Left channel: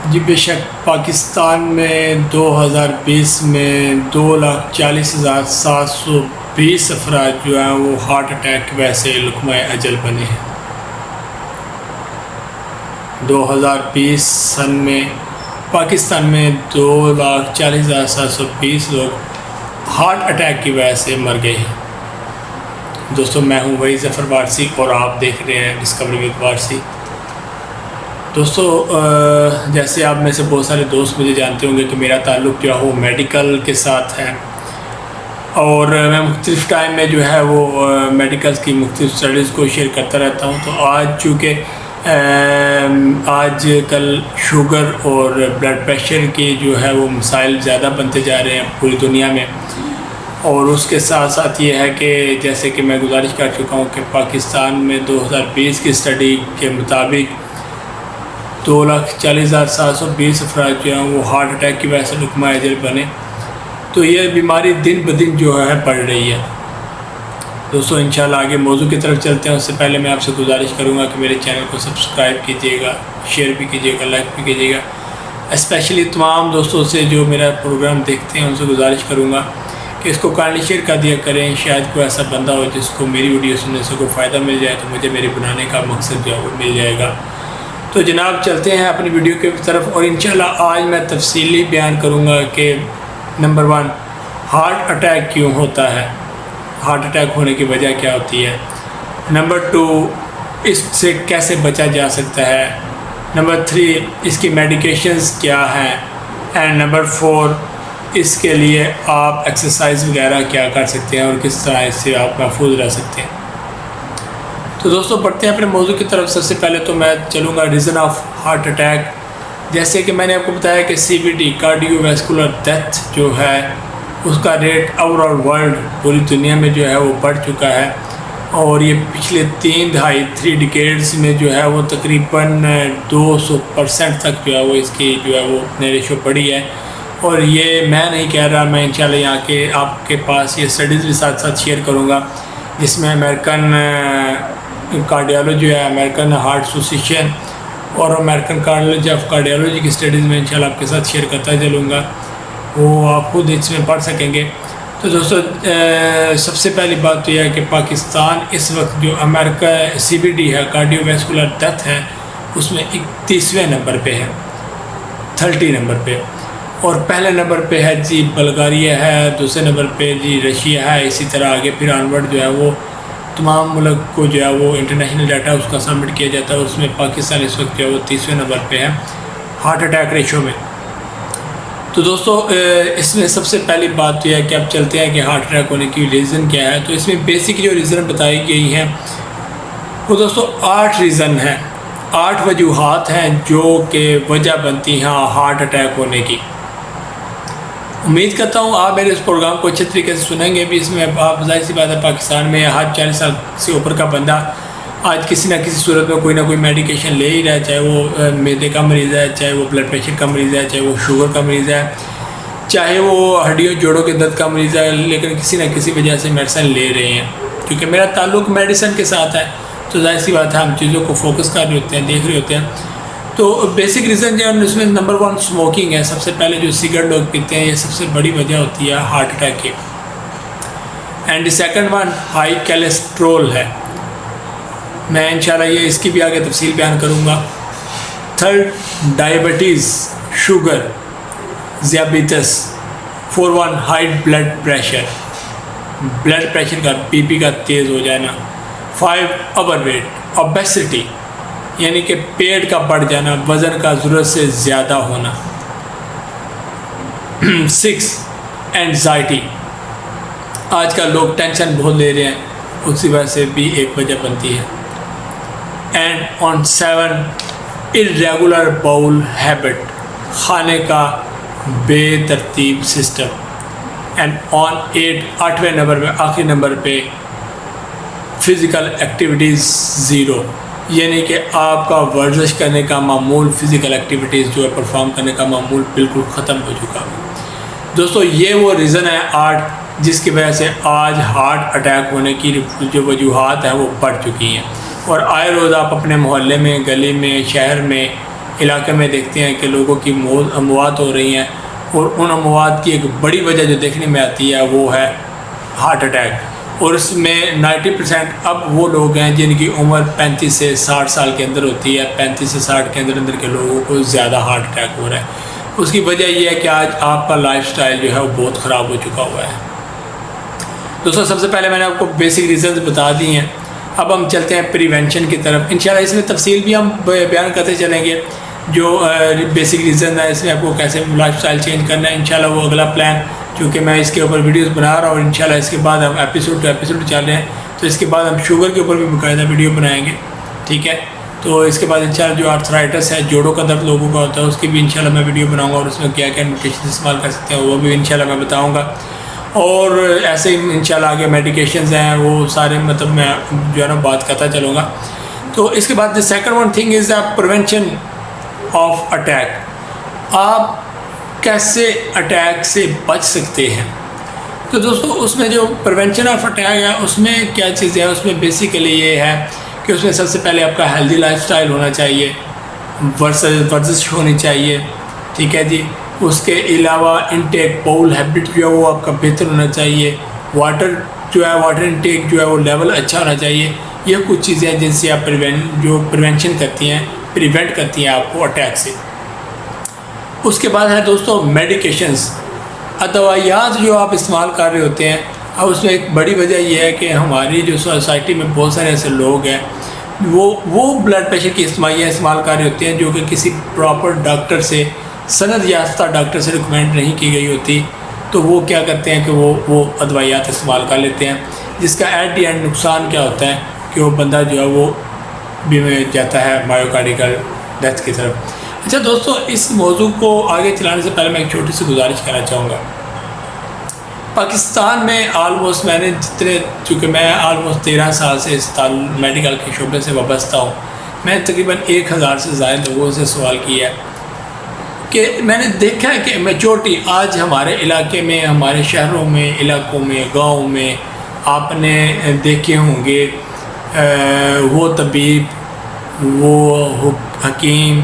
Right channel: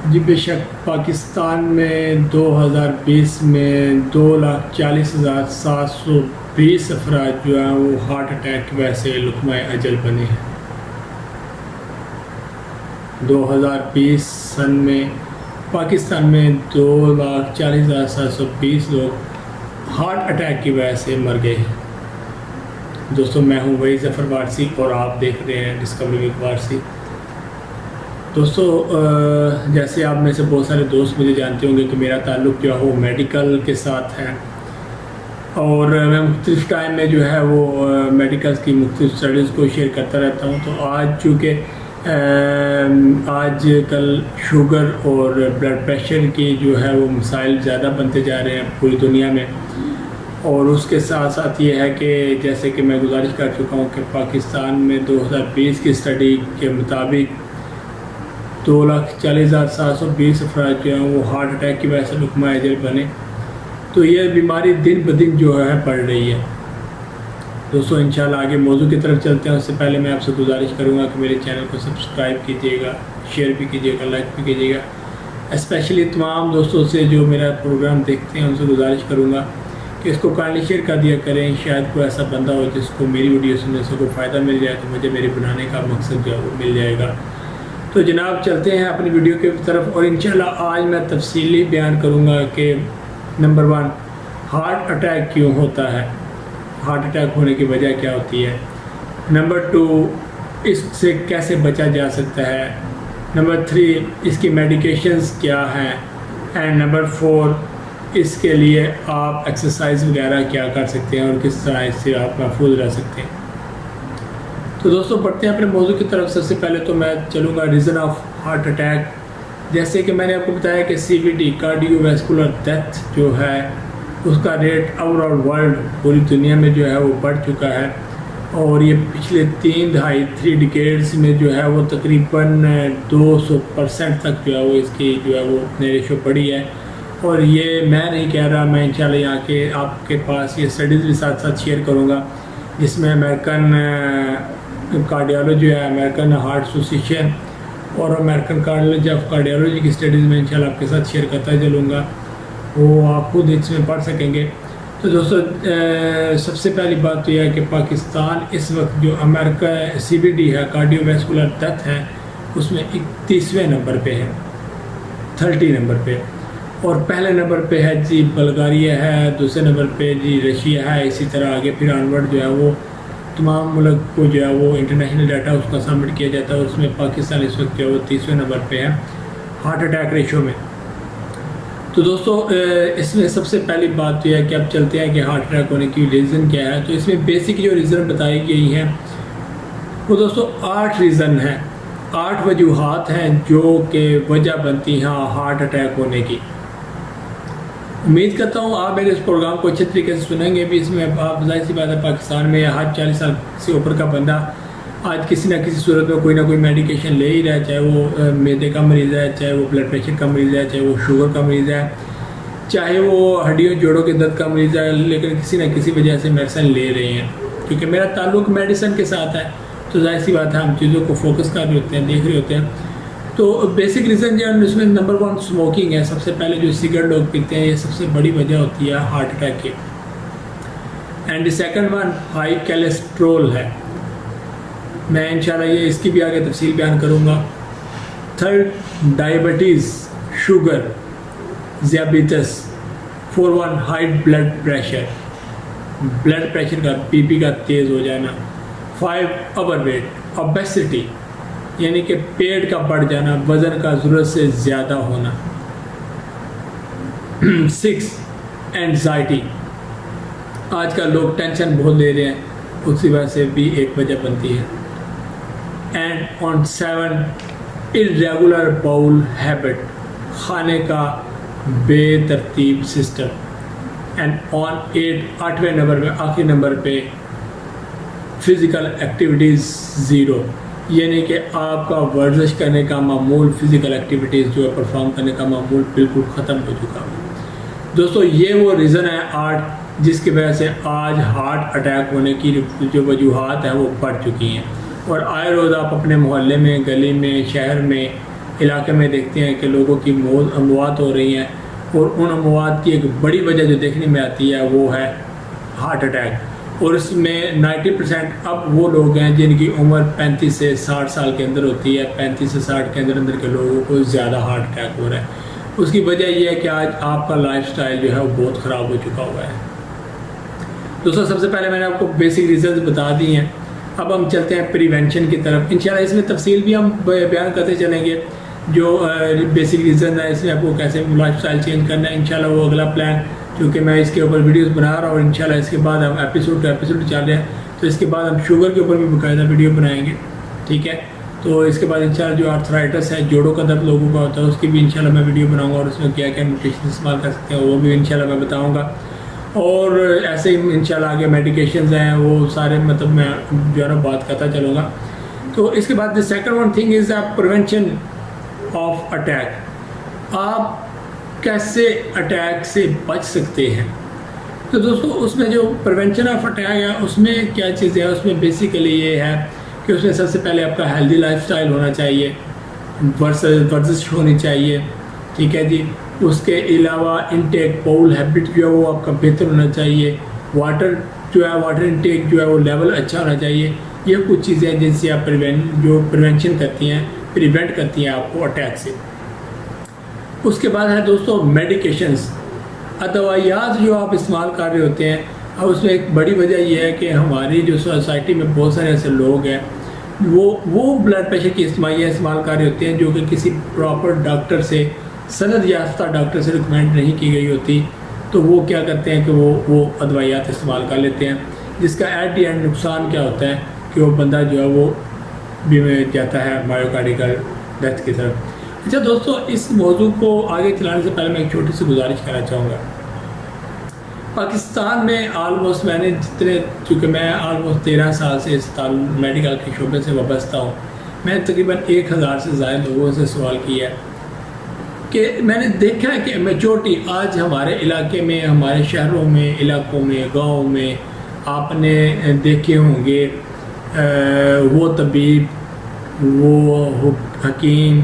جی بے شک پاکستان میں 2020 میں 2,40,720 افراد جو ہیں وہ ہارٹ اٹیک کی وجہ سے لقمہ اجل بنے ہیں۔ 2020 سن میں پاکستان میں 2,40,720 لوگ ہارٹ اٹیک کی وجہ سے مر گئے ہیں۔ دوستو میں ہوں وحید ظفر وارثی اور آپ دیکھ رہے ہیں ڈسکوری ود وارثی۔ دوستو جیسے آپ میں سے بہت سارے دوست مجھے جانتے ہوں گے کہ میرا تعلق جو ہے وہ میڈیکل کے ساتھ ہے، اور میں مختلف ٹائم میں جو ہے وہ میڈیکلز کی مختلف اسٹڈیز کو شیئر کرتا رہتا ہوں۔ تو آج چونکہ آج کل شوگر اور بلڈ پریشر کے جو ہے وہ مسائل زیادہ بنتے جا رہے ہیں پوری دنیا میں، اور اس کے ساتھ ساتھ یہ ہے کہ جیسے کہ میں گزارش کر چکا ہوں کہ پاکستان میں 2020 کی اسٹڈی کے مطابق 2,40,720 افراد جو ہیں وہ ہارٹ اٹیک کی وجہ سے لقمہ اجل بنے۔ تو یہ بیماری دن بدن جو ہے بڑھ رہی ہے۔ دوستو انشاءاللہ آگے موضوع کی طرف چلتے ہیں، اس سے پہلے میں آپ سے گزارش کروں گا کہ میرے چینل کو سبسکرائب کیجیے گا، شیئر بھی کیجیے گا، لائک بھی کیجیے گا۔ اسپیشلی تمام دوستوں سے جو میرا پروگرام دیکھتے ہیں ان سے گزارش کروں گا کہ اس کو کائنڈلی شیئر کر دیا کریں، شاید کوئی ایسا بندہ ہو جس کو میری ویڈیو سننے سے کوئی فائدہ مل جائے، تو مجھے میری بنانے کا مقصد جو ہے وہ مل جائے گا۔ تو جناب چلتے ہیں اپنی ویڈیو کی طرف، اور انشاءاللہ آج میں تفصیلی بیان کروں گا کہ نمبر 1 ہارٹ اٹیک کیوں ہوتا ہے، ہارٹ اٹیک ہونے کی وجہ کیا ہوتی ہے، نمبر 2 اس سے کیسے بچا جا سکتا ہے، نمبر 3 اس کی میڈیکیشنز کیا ہیں، اینڈ نمبر 4 اس کے لیے آپ ایکسرسائز وغیرہ کیا کر سکتے ہیں اور کس طرح اس سے آپ محفوظ رہ سکتے ہیں۔ تو دوستو بڑھتے ہیں اپنے موضوع کی طرف۔ سب سے پہلے تو میں چلوں گا ریزن آف ہارٹ اٹیک۔ جیسے کہ میں نے آپ کو بتایا کہ CVD کارڈیو ویسکولر ڈیتھ جو ہے اس کا ریٹ اوور آل ورلڈ پوری دنیا میں جو ہے وہ بڑھ چکا ہے، اور یہ پچھلے 3 ڈیکیڈز میں جو ہے وہ تقریباً 200% تک جو ہے وہ اس کی جو ہے وہ ریشو بڑھی ہے۔ اور یہ میں نہیں کہہ رہا، میں انشاءاللہ یہاں کے آپ کے پاس یہ اسٹڈیز بھی ساتھ ساتھ شیئر کروں گا، جس میں امریکن کارڈیالوجی ہے، امریکن ہارٹ ایسوسیشن اور امریکن کالج آف کارڈیالوجی کی اسٹڈیز میں انشاءاللہ آپ کے ساتھ شیئر کرتا چلوں گا، وہ آپ خود اس میں پڑھ سکیں گے۔ تو دوستو سب سے پہلی بات تو یہ ہے کہ پاکستان اس وقت جو امریکہ CVD ہے کارڈیو ویسکولر ڈیتھ ہے اس میں 31ویں نمبر پہ ہے، 30 نمبر پہ، اور پہلے نمبر پہ ہے جی بلغاریہ ہے، دوسرے نمبر پہ جی رشیا ہے، اسی طرح آگے پھر آنورڈ جو ہے وہ تمام ملک کو جو ہے وہ انٹرنیشنل ڈیٹا اس کا سبمٹ کیا جاتا ہے، اس میں پاکستان اس وقت جو ہے وہ 30ویں نمبر پہ ہے ہارٹ اٹیک ریشو میں۔ تو دوستو اس میں سب سے پہلی بات تو یہ ہے کہ اب چلتے ہیں کہ ہارٹ اٹیک ہونے کی ریزن کیا ہے۔ تو اس میں بیسک جو ریزن بتائی گئی ہیں وہ دوستو 8 ریزن ہیں، 8 وجوہات ہیں جو کہ وجہ بنتی ہیں ہارٹ اٹیک ہونے کی۔ امید کرتا ہوں آپ میرے اس پروگرام کو اچھے طریقے سے سنیں گے بھی۔ اس میں آپ ظاہر سی بات ہے پاکستان میں ہر 40 سال سے اوپر کا بندہ آج کسی نہ کسی صورت میں کوئی نہ کوئی میڈیکیشن لے ہی رہا ہے، چاہے وہ معدے کا مریض ہے، چاہے وہ بلڈ پریشر کا مریض ہے، چاہے وہ شوگر کا مریض ہے، چاہے وہ ہڈیوں جوڑوں کے درد کا مریض ہے، لیکن کسی نہ کسی وجہ سے میڈیسن لے رہے ہیں۔ کیونکہ میرا تعلق میڈیسن کے ساتھ ہے تو ظاہر سی بات ہے ہم چیزوں کو فوکس کر رہے ہوتے ہیں، دیکھ رہے ہوتے ہیں۔ تو بیسک ریزن جو ہے اس میں نمبر 1 اسموکنگ ہے۔ سب سے پہلے جو سگریٹ لوگ پیتے ہیں یہ سب سے بڑی وجہ ہوتی ہے ہارٹ اٹیک کی۔ اینڈ سیکنڈ 1 ہائی کیلیسٹرول ہے، میں انشاءاللہ یہ اس کی بھی آگے تفصیل بیان کروں گا۔ 3 ڈائبٹیز، شوگر، ذیابیطس۔ 4 ہائی بلڈ پریشر کا BP کا تیز ہو جانا۔ 5 اوور ویٹ، اوبیسٹی یعنی کہ پیٹ کا بڑھ جانا، وزن کا ضرورت سے زیادہ ہونا۔ 6 اینزائٹی، آج کل لوگ ٹینشن بہت لے رہے ہیں، اسی وجہ سے بھی ایک وجہ بنتی ہے۔ And on 7 irregular bowel habit, کھانے کا بے ترتیب سسٹم۔ اینڈ آن 8ویں نمبر پہ آخری نمبر پہ فزیکل ایکٹیویٹیز 0، یعنی کہ آپ کا ورزش کرنے کا معمول، فزیکل ایکٹیویٹیز جو ہے پرفارم کرنے کا معمول بالکل ختم ہو چکا ہے۔ دوستو یہ وہ ریزن ہے 8 جس کی وجہ سے آج ہارٹ اٹیک ہونے کی جو وجوہات ہیں وہ بڑھ چکی ہیں، اور آئے روز آپ اپنے محلے میں، گلی میں، شہر میں علاقے میں دیکھتے ہیں کہ لوگوں کی اموات ہو رہی ہیں، اور ان اموات کی ایک بڑی وجہ جو دیکھنے میں آتی ہے وہ ہے ہارٹ اٹیک، اور اس میں 90% اب وہ لوگ ہیں جن کی عمر 35 سے 60 سال کے اندر ہوتی ہے، 35 سے 60 کے اندر کے لوگوں کو زیادہ ہارٹ اٹیک ہو رہا ہے۔ اس کی وجہ یہ ہے کہ آج آپ کا لائف سٹائل جو ہے وہ بہت خراب ہو چکا ہوا ہے۔ دوستوں سب سے پہلے میں نے آپ کو بیسک ریزنز بتا دی ہیں، اب ہم چلتے ہیں پریونشن کی طرف۔ انشاءاللہ اس میں تفصیل بھی ہم بیان کرتے چلیں گے، جو بیسک ریزن ہے اس میں آپ کو کیسے لائف سٹائل چینج کرنا ہے، انشاءاللہ وہ اگلا پلان، چونکہ میں اس کے اوپر ویڈیوز بنا رہا ہوں، اور انشاءاللہ اس کے بعد ہم ایپیسوڈ ٹو ایپیسوڈ چل رہے ہیں، تو اس کے بعد ہم شوگر کے اوپر بھی باقاعدہ ویڈیو بنائیں گے، ٹھیک ہے۔ تو اس کے بعد انشاءاللہ جو آرتھرائٹس ہے، جوڑوں کا درد لوگوں کا ہوتا ہے، اس کی بھی انشاءاللہ میں ویڈیو بناؤں گا، اور اس میں کیا کیا نیوٹریشن استعمال کر سکتے ہیں وہ بھی انشاءاللہ میں بتاؤں گا، اور ایسے ہی انشاءاللہ آگے میڈیکیشنز ہیں وہ سارے مطلب میں جو ہے نا بات کرتا چلوں گا۔ تو اس کے بعد second one thing is the prevention of attack, آپ کیسے اٹیک سے بچ سکتے ہیں۔ تو دوستو اس میں جو پریونشن آف اٹیک ہے اس میں کیا چیزیں ہیں، اس میں بیسیکلی یہ ہے کہ اس میں سب سے پہلے آپ کا ہیلدی لائف سٹائل ہونا چاہیے، ورزش ہونی چاہیے، ٹھیک ہے جی۔ اس کے علاوہ انٹیک باؤل ہیبٹ جو ہے وہ آپ کا بہتر ہونا چاہیے، واٹر انٹیک جو ہے وہ لیول اچھا ہونا چاہیے۔ یہ کچھ چیزیں ہیں جن سے آپ پریونشن کرتی ہیں، پریونٹ کرتی ہیں آپ کو اٹیک سے۔ اس کے بعد ہے دوستو میڈیکیشنز، ادویات جو آپ استعمال کر رہے ہوتے ہیں۔ اب اس میں ایک بڑی وجہ یہ ہے کہ ہماری جو سوسائٹی میں بہت سارے ایسے لوگ ہیں وہ بلڈ پریشر کی دوائیاں استعمال کر رہے ہوتے ہیں جو کہ کسی پراپر ڈاکٹر سے، سند یافتہ ڈاکٹر سے ریکمینڈ نہیں کی گئی ہوتی، تو وہ کیا کرتے ہیں کہ وہ ادویات استعمال کر لیتے ہیں، جس کا ایٹ دی اینڈ نقصان کیا ہوتا ہے کہ وہ بندہ جو ہے وہ جاتا ہے مایوکارڈیکل ڈیتھ کی طرف۔ اچھا دوستو اس موضوع کو آگے چلانے سے پہلے میں ایک چھوٹی سی گزارش کرنا چاہوں گا۔ پاکستان میں آلموسٹ میں نے چونکہ میں آلموسٹ 13 سال سے اس میڈیکل کے شعبے سے وابستہ ہوں، میں تقریباً 1000 سے زائد لوگوں سے سوال کیا ہے کہ میں نے دیکھا ہے کہ میجورٹی آج ہمارے علاقے میں، ہمارے شہروں میں، علاقوں میں، گاؤں میں آپ نے دیکھے ہوں گے وہ طبیب، وہ حکیم،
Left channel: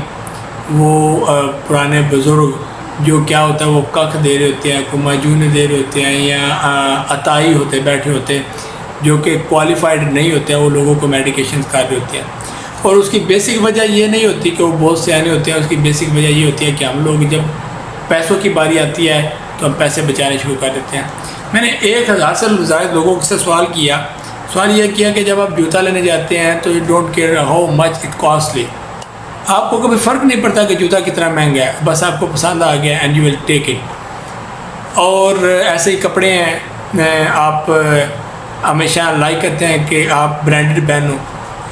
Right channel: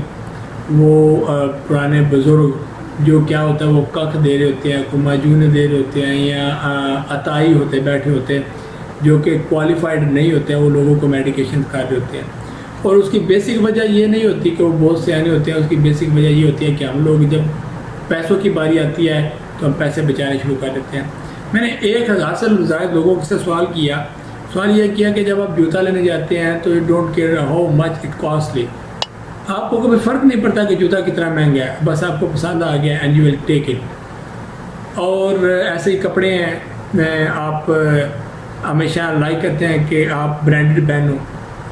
وہ پرانے بزرگ جو کیا ہوتا ہے وہ ککھ دے رہے ہوتے ہیں، کوئی معجونے دے رہے ہوتے ہیں، یا عطائی ہوتے بیٹھے ہوتے ہیں جو کہ کوالیفائڈ نہیں ہوتے ہیں، وہ لوگوں کو میڈیکیشن کر رہے ہوتے ہیں۔ اور اس کی بیسک وجہ یہ نہیں ہوتی کہ وہ بہت سیانے ہوتے ہیں، اس کی بیسک وجہ یہ ہوتی ہے کہ ہم لوگ جب پیسوں کی باری آتی ہے تو ہم پیسے بچانے شروع کر دیتے ہیں۔ میں نے 1000 سے زائد لوگوں سے سوال یہ کیا کہ جب آپ جوتا لینے جاتے ہیں تو you don't care how much it costly, آپ کو کبھی فرق نہیں پڑتا کہ جوتا کتنا مہنگا ہے، بس آپ کو پسند آ گیا and you will take it. اور ایسے ہی کپڑے ہیں، آپ ہمیشہ لائک کرتے ہیں کہ آپ برانڈڈ پہنو،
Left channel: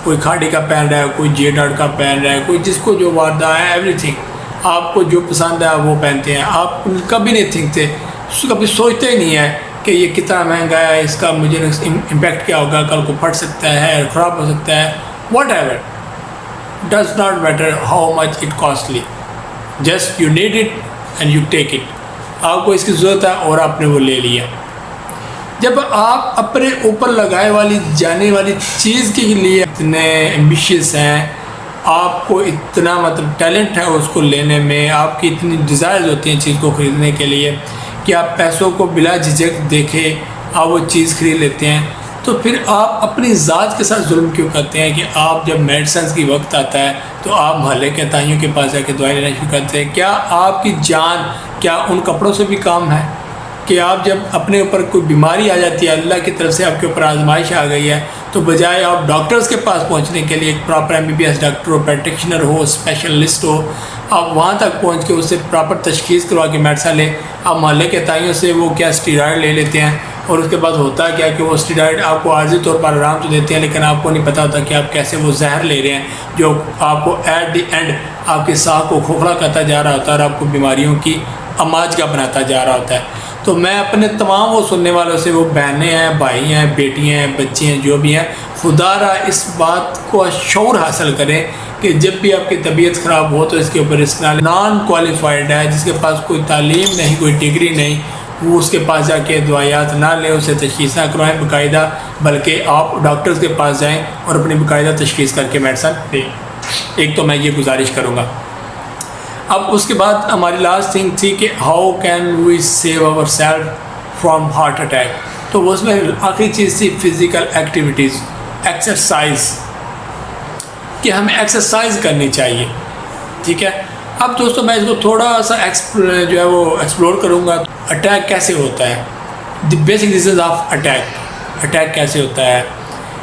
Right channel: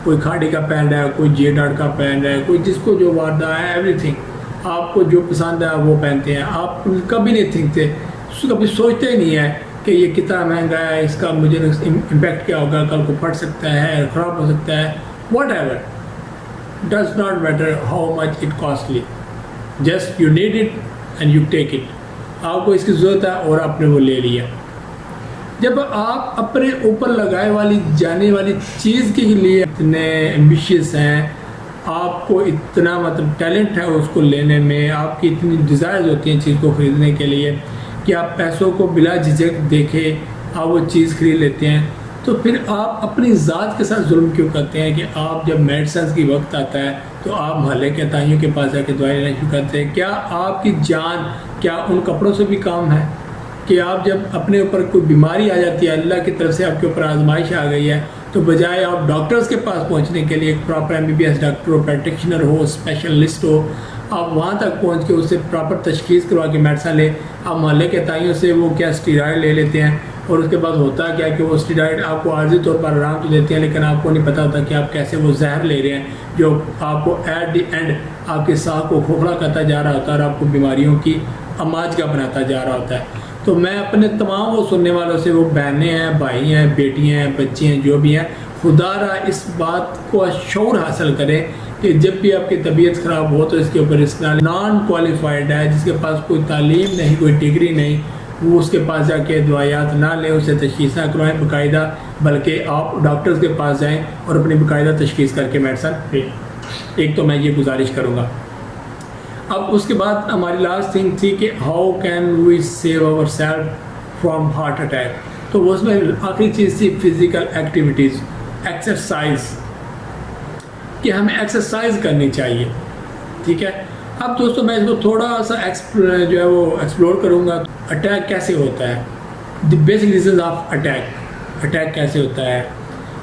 کوئی کھاڑی کا پہن رہا ہے، کوئی جے ڈاٹ کا پہن رہا ہے، کوئی جس کو جو واردہ ہے، ایوری تھنگ آپ کو جو پسند ہے وہ پہنتے ہیں۔ آپ کبھی نہیں تھنکتے، کبھی سوچتے ہی نہیں ہے کہ یہ کتنا مہنگا ہے، اس کا مجھے امپیکٹ کیا ہوگا، کل کو پھٹ سکتا ہے، خراب ہو سکتا ہے، what ever, does not matter how much it costly, just you need it and you take it، آپ کو اس کی ضرورت ہے اور آپ نے وہ لے لیا۔ جب آپ اپنے اوپر لگائے والی جانے والی چیز کے لیے اتنے ایمبیشیس ہیں، آپ کو اتنا مطلب ٹیلنٹ ہے اس کو لینے میں، آپ کی اتنی ڈیزائرز ہوتی ہیں چیز کو خریدنے کے لیے کہ آپ پیسوں کو بلا جھجک دیکھے آپ وہ چیز خرید لیتے ہیں، تو پھر آپ اپنی ذات کے ساتھ ظلم کیوں کرتے ہیں کہ آپ جب میڈیسنز کی وقت آتا ہے تو آپ محلے کے تائیوں کے پاس جا کے دوائی لینا شروع کرتے ہیں؟ کیا آپ کی جان کیا ان کپڑوں سے بھی کام ہے کہ آپ جب اپنے اوپر کوئی بیماری آ جاتی ہے، اللہ کی طرف سے آپ کے اوپر آزمائش آ گئی ہے، تو بجائے آپ ڈاکٹرز کے پاس پہنچنے کے لیے، ایک پراپر MBBS ڈاکٹر ہو، پریکٹیشنر ہو، اسپیشلسٹ ہو، آپ وہاں تک پہنچ کے اس سے پراپر تشخیص کروا کے میڈیسن لے، آپ محلے کے تائیوں سے وہ کیا اسٹیرائڈ لے لیتے ہیں، اور اس کے بعد ہوتا ہے کیا کہ وہ اسٹیرائڈ آپ کو عارضی طور پر آرام تو دیتے ہیں، لیکن آپ کو نہیں پتہ ہوتا کہ آپ کیسے وہ زہر لے رہے ہیں جو آپ کو ایٹ دی اینڈ آپ کے سانس کو کھوکھلا کرتا جا رہا ہوتا ہے اور آپ کو بیماریوں کی اماج کا بناتا جا رہا ہوتا ہے۔ تو میں اپنے تمام وہ سننے والوں سے، وہ بہنیں ہیں، بھائی ہیں، بیٹیاں ہیں، بچے ہیں، جو بھی ہیں، خدا را اس بات کو شعور حاصل کریں کہ جب بھی آپ کی طبیعت خراب ہو تو اس کے اوپر رسک نہ لیں۔ نان کوالیفائڈ ہے، جس کے پاس کوئی تعلیم نہیں، کوئی ڈگری نہیں، وہ اس کے پاس جا کے دوائیات نہ لیں، اسے تشخیص نہ کروائیں باقاعدہ، بلکہ آپ ڈاکٹرز کے پاس جائیں اور اپنی باقاعدہ تشخیص کر کے میڈیسن لیں۔ ایک تو میں یہ گزارش کروں گا۔ اب اس کے بعد ہماری لاسٹ تھنگ تھی کہ how can we save our self from heart attack. تو اس میں آخری چیز تھی فزیکل ایکٹیویٹیز, ایکسرسائز, کہ ہمیں ایکسرسائز کرنی چاہیے. ٹھیک ہے. اب دوستوں میں اس کو تھوڑا سا جو ہے وہ ایکسپلور کروں گا. اٹیک کیسے ہوتا ہے, the basic reasons of attack, attack کیسے ہوتا ہے,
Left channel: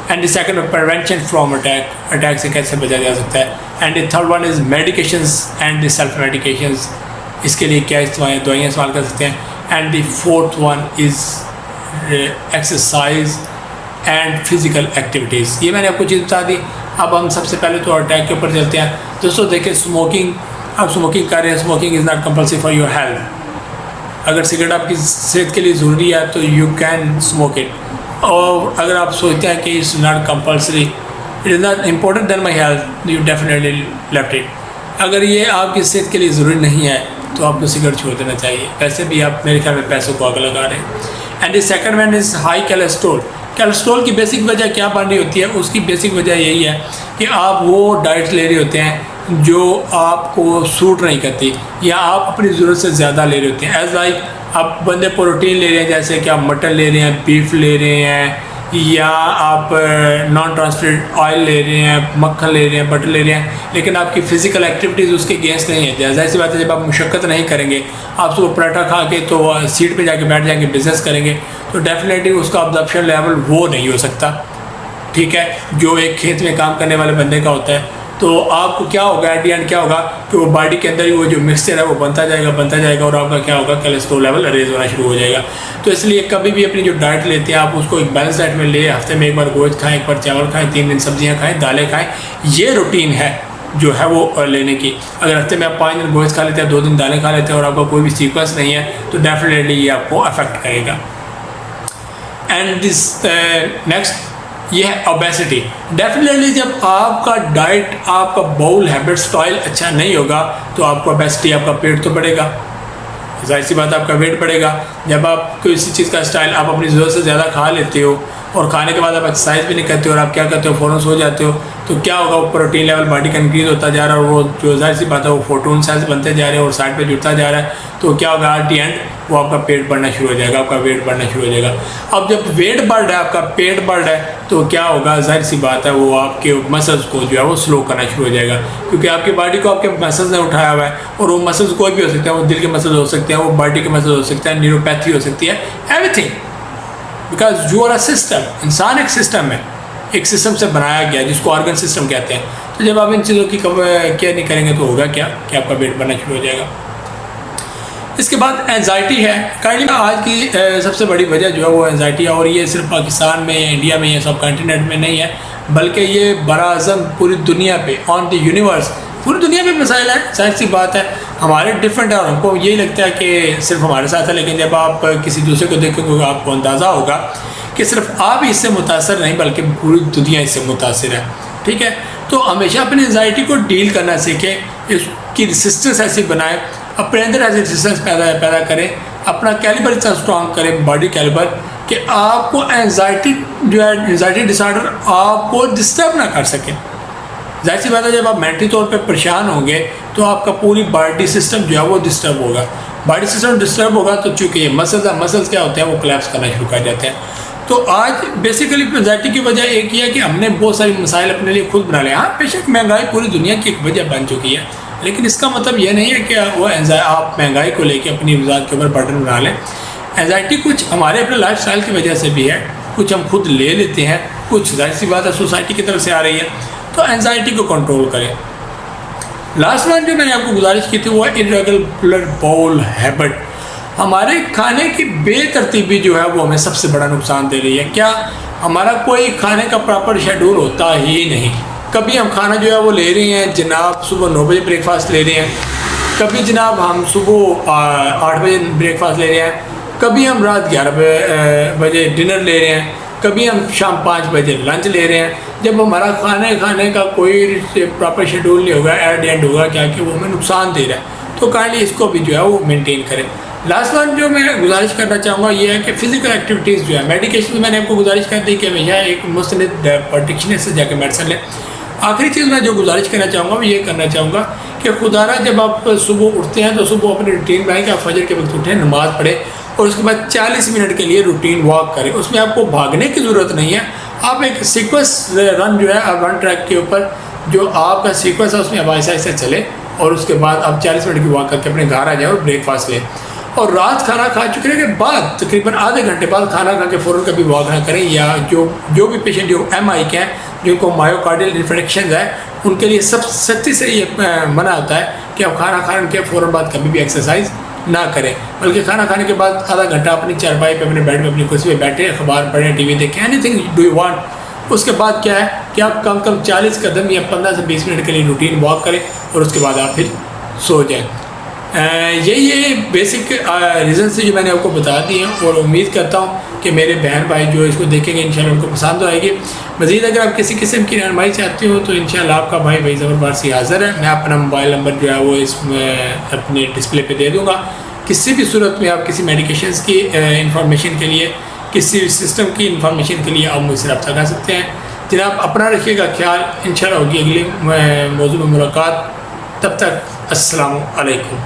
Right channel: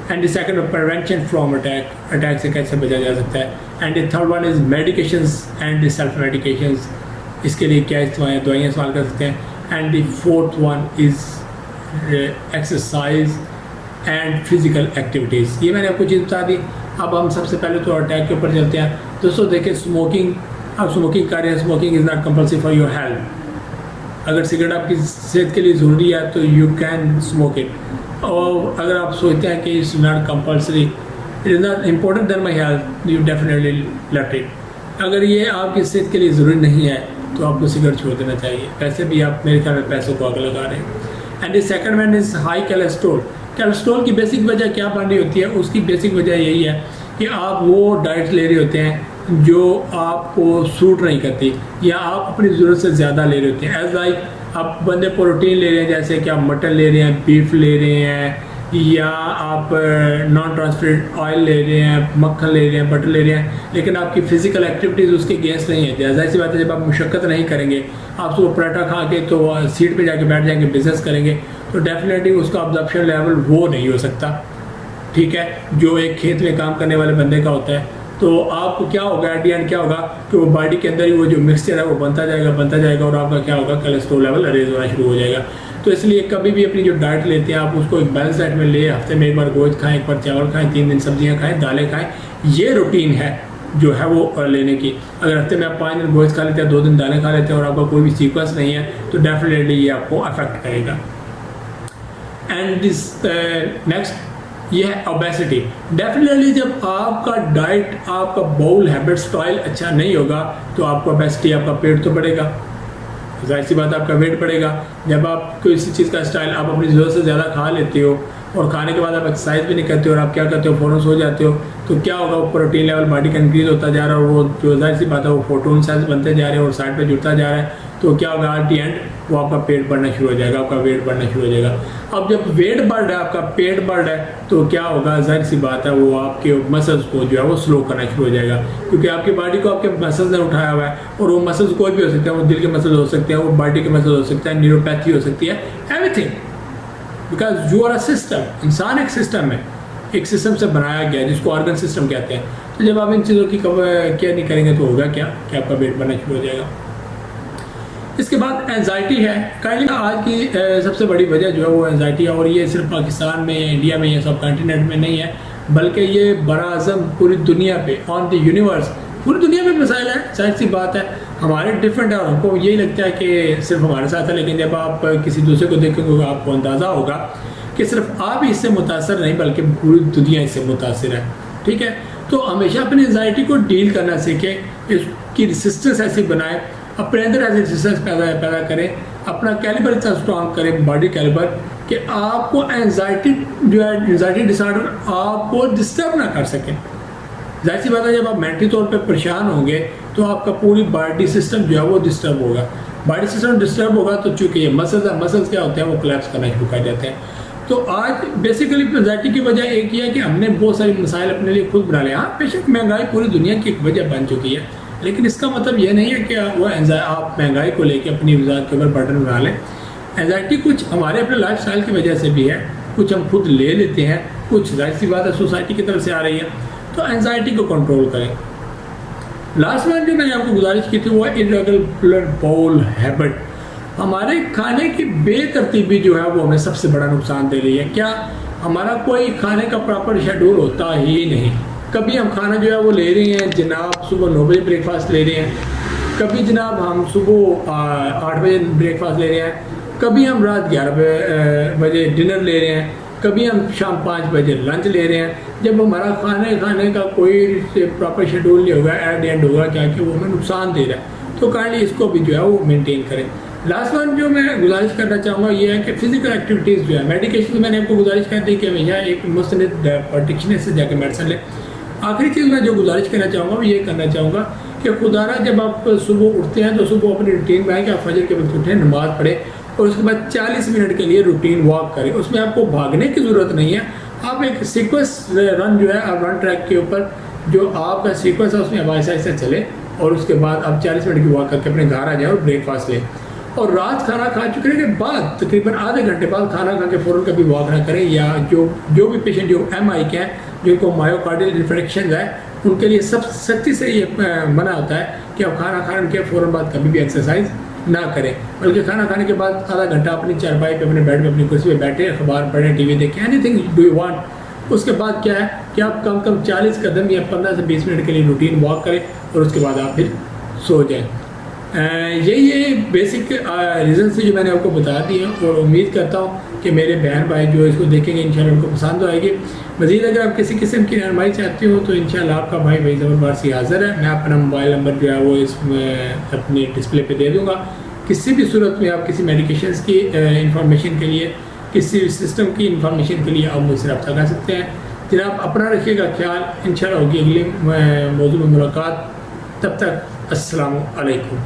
and the second prevention from attack, attack سے کیسے بچا جا سکتا ہے, and the third one is medications and the self medications, اس کے لیے کیا دوائیاں استعمال کر سکتے ہیں, and the fourth one is exercise and physical activities. یہ میں نے آپ کو چیز بتا دی. اب ہم سب سے پہلے تو اٹیک کے اوپر چلتے ہیں. دوستوں دیکھیں اسموکنگ, آپ اسموکنگ کر رہے ہیں, smoking is not compulsory for your health. اگر سگریٹ آپ کی صحت کے لیے ضروری ہے تو یو کین اسموک اٹ, اور اگر آپ سوچتے ہیں کہ it's not compulsory, it is not important than my health, you definitely left it. اگر یہ آپ کی صحت کے لیے ضروری نہیں ہے تو آپ کو سگریٹ چھوڑ دینا چاہیے. ویسے بھی آپ میرے خیال میں پیسوں کو آگ لگا رہے ہیں. And the second one is high cholesterol. Cholesterol کی بیسک وجہ کیا بن رہی ہوتی ہے, اس کی بیسک وجہ یہی ہے کہ آپ وہ ڈائٹ لے رہے ہوتے ہیں جو آپ کو سوٹ نہیں کرتی, یا آپ اپنی ضرورت سے زیادہ لے رہے ہوتے ہیں. ایز لائک آپ بندے پروٹین لے رہے ہیں, جیسے کہ آپ مٹن لے رہے ہیں, بیف لے رہے ہیں, یا آپ نان ٹرانسپیرنٹ آئل لے رہے ہیں, مکھن لے رہے ہیں, بٹر لے رہے ہیں, لیکن آپ کی فزیکل ایکٹیویٹیز اس کے اگینسٹ نہیں ہے. ظاہر سی بات ہے جب آپ مشقت نہیں کریں گے, آپ صبح پراٹھا کھا کے تو سیٹ پہ جا کے بیٹھ جائیں گے, بزنس کریں گے, تو ڈیفینیٹلی اس کا ابزرپشن لیول وہ نہیں ہو سکتا. ٹھیک ہے, جو ایک کھیت میں کام کرنے والے بندے کا ہوتا ہے. تو آپ کو کیا ہوگا, ایٹ دی اینڈ کیا ہوگا کہ وہ باڈی کے اندر ہی وہ جو مکسچر ہے وہ بنتا جائے گا, اور آپ کا کیا ہوگا, کیلیسٹرول لیول ریز ہونا شروع ہو جائے گا. تو اس لیے کبھی بھی اپنی جو ڈائٹ لیتے ہیں آپ اس کو ایک بیلنس ڈائٹ میں لے, ہفتے میں ایک بار گوشت کھائیں, ایک بار چاول کھائیں, 3 دن سبزیاں کھائیں, دالیں کھائیں. یہ روٹین ہے جو ہے وہ لینے کی. اگر ہفتے میں آپ 5 دن گوشت کھا لیتے ہیں, 2 دن دالیں کھا لیتے ہیں, اور آپ کا کوئی بھی سیکوینس نہیں ہے, تو ڈیفینیٹلی یہ آپ کو افیکٹ کرے گا. اینڈ دس نیکسٹ یہ ہے اوبیسٹی. ڈیفینیٹلی جب آپ کا ڈائٹ, آپ کا باؤل ہیبٹ اسٹائل اچھا نہیں ہوگا تو آپ کو اوبیسٹی, آپ کا پیٹ تو بڑھے گا, ظاہر سی بات آپ کا ویٹ بڑھے گا. جب آپ کسی چیز کا اسٹائل آپ اپنی ضرورت سے زیادہ کھا لیتے ہو, اور کھانے کے بعد آپ ایکسرسائز بھی نہیں کرتے ہو, اور آپ کیا کرتے ہو, فوراً سو جاتے ہو, تو کیا ہوگا, وہ پروٹین لیول باڈی کا انکریز ہوتا جا رہا ہے, اور وہ جو ظاہر سی بات ہے وہ فوٹون سیلز بنتے جا رہے ہیں اور سائڈ پہ جڑتا جا رہا ہے. تو کیا ہوگا, ایٹ دی اینڈ وہ آپ کا پیٹ بڑھنا شروع ہو جائے گا, آپ کا ویٹ بڑھنا شروع ہو جائے گا. اب جب ویٹ بڑھ رہا ہے, آپ کا پیٹ بڑھ رہا ہے, تو کیا ہوگا, ظاہر سی بات ہے وہ آپ کے مسلز کو جو ہے وہ سلو کرنا شروع ہو جائے گا, کیونکہ آپ کی باڈی کو آپ کے مسلز نے اٹھایا ہوا ہے. اور وہ مسلز کوئی بھی ہو سکتے ہیں, وہ دل کے مسلز ہو سکتے ہیں, وہ باڈی کے مسلز ہو سکتے ہیں, نیوروپیتھی ہو سکتی ہے, everything, because you are a system. انسان ایک سسٹم ہے, ایک سسٹم سے بنایا گیا جس کو آرگن سسٹم کہتے ہیں. تو جب آپ ان چیزوں کی کیئر نہیں کریں گے تو ہوگا کیا کہ آپ کا ویٹ بڑھنا شروع ہو جائے گا. اس کے بعد اینزائٹی ہے. کائنڈلی آج کی سب سے بڑی وجہ جو ہے وہ اینزائٹی ہے, اور یہ صرف پاکستان میں یا انڈیا میں یا سب کنٹیننٹ میں نہیں ہے, بلکہ یہ براعظم پوری دنیا پہ, آن دی یونیورس, پوری دنیا میں مسائل ہیں. ظاہر سی بات ہے ہمارے ڈفرینٹ ہے, اور ہم کو یہی لگتا ہے کہ صرف ہمارے ساتھ ہے, لیکن جب آپ کسی دوسرے کو دیکھیں گے آپ کو اندازہ ہوگا کہ صرف آپ اس سے متاثر نہیں بلکہ پوری دنیا اس سے متاثر ہے. ٹھیک ہے, تو ہمیشہ اپنی اینزائٹی کو ڈیل کرنا سیکھیں, اس کی ریسسٹنس ایسی بنائیں, اپنے اندر ایسی ریسسٹنس پیدا کریں, اپنا کیلیبر اتنا اسٹرانگ کریں, باڈی کیلیبر, کہ آپ کو اینزائٹی جو ہے, اینزائٹی ڈس آرڈر آپ کو ڈسٹرب نہ کر سکیں. ظاہر سی بات ہے جب آپ مینٹلی طور پہ پریشان ہوں گے تو آپ کا پوری باڈی سسٹم جو ہے وہ ڈسٹرب ہوگا. باڈی سسٹم ڈسٹرب ہوگا تو چونکہ یہ مسلز کیا ہوتے ہیں وہ کلیپس کرنا شروع کر جاتے ہیں. تو آج بیسیکلی اینزائٹی کی وجہ ایک یہ ہے کہ ہم نے بہت ساری مسائل اپنے لیے خود بنا لے. ہاں بے شک مہنگائی پوری دنیا کی ایک وجہ بن چکی ہے, لیکن اس کا مطلب یہ نہیں ہے کہ وہ آپ مہنگائی کو لے کے اپنی ذات کے اوپر برڈن بنا لیں. اینزائٹی کچھ ہمارے اپنے لائف اسٹائل کی وجہ سے بھی ہے, کچھ ہم خود لے لیتے ہیں, کچھ ظاہر سی بات ہے سوسائٹی کی طرف سے آ رہی ہے. تو اینزائٹی کو کنٹرول کریں. لاسٹ ون جو میں نے آپ کو گزارش کی تھی وہ ہے irregular bowel habit. ہمارے کھانے کی بے ترتیبی جو ہے وہ ہمیں سب سے بڑا نقصان دے رہی ہے. کیا ہمارا کوئی کھانے کا پراپر شیڈول ہوتا ہی نہیں. کبھی ہم کھانا جو ہے وہ لے رہے ہیں جناب صبح 9 بجے بریک فاسٹ لے رہے ہیں, کبھی جناب ہم صبح 8 بجے بریک فاسٹ لے رہے ہیں, کبھی ہم رات 11 بجے ڈنر لے رہے ہیں, کبھی ہم شام 5 بجے لنچ لے رہے ہیں. جب ہمارا کھانے کا کوئی پراپر شیڈول نہیں ہوگا, ایٹ اینڈ ہوگا کیا کہ وہ ہمیں نقصان دے رہا ہے. تو کائنڈلی اس کو بھی جو ہے وہ مینٹین کریں. لاسٹ ون جو میں گزارش کرنا چاہوں گا یہ ہے کہ فزیکل ایکٹیویٹیز جو ہے, میڈیکیشن میں نے آپ کو گزارش کر دی کہ ہمیشہ ایک مستند پرٹیکشنر سے جا کے میڈیسن لیں. آخری چیز میں جو گزارش کرنا چاہوں گا وہ یہ کرنا چاہوں گا کہ خدا نہ جب آپ صبح اٹھتے ہیں تو صبح اپنی روٹین میں آئیں کہ آپ فجر کے وقت اٹھیں، نماز پڑھیں اور اس کے بعد 40 منٹ کے لیے روٹین واک کریں. اس میں آپ کو بھاگنے کی ضرورت نہیں ہے، آپ ایک سیکوینس رن جو ہے آپ رن ٹریک کے اوپر جو آپ کا سیکوینس ہے اس میں آپ آہستہ آہستہ چلیں اور اس کے بعد آپ 40 منٹ کی واک کر کے اپنے گھر آ جائیں اور بریک فاسٹ لیں. اور رات کھانا کھا چکے کے بعد تقریباً آدھے گھنٹے بعد کھانا کھا کے فوراً کبھی واک نہ کریں. یا جو بھی پیشنٹ جو MI کے ہیں، جن کو مایوکارڈیل انفیکشنز ہیں، ان کے لیے سب سختی سے یہ منع ہوتا ہے کہ آپ کھانا کھانے کے فوراً بعد کبھی بھی ایکسرسائز نہ کریں، بلکہ کھانا کھانے کے بعد آدھا گھنٹہ اپنی چارپائی پہ اپنے بیڈ پہ اپنی کرسی پہ بیٹھیں، اخبار پڑھیں، ٹی وی دیکھیں، anything do you want. اس کے بعد کیا ہے کہ آپ کم کم 40 قدم یا 15 سے 20 منٹ کے لیے روٹین واک کریں اور اس کے بعد آپ پھر سو جائیں. یہ بیسک ریزنس جو میں نے آپ کو بتا دی ہیں، اور امید کرتا ہوں کہ میرے بہن بھائی جو اس کو دیکھیں گے انشاءاللہ ان کو پسند آئے گی. مزید اگر آپ کسی قسم کی رہنمائی چاہتے ہو تو انشاءاللہ آپ کا بھائی ظفر پارسی حاضر ہے. میں اپنا موبائل نمبر جو ہے وہ اس میں اپنے ڈسپلے پہ دے دوں گا. کسی بھی صورت میں آپ کسی میڈیکیشنز کی انفارمیشن کے لیے، کسی بھی سسٹم کی انفارمیشن کے لیے آپ مجھ سے رابطہ کر سکتے ہیں. جناب اپنا رکھیے گا خیال، انشاءاللہ ہوگی اگلی موضوع میں ملاقات. تب تک السلام علیکم.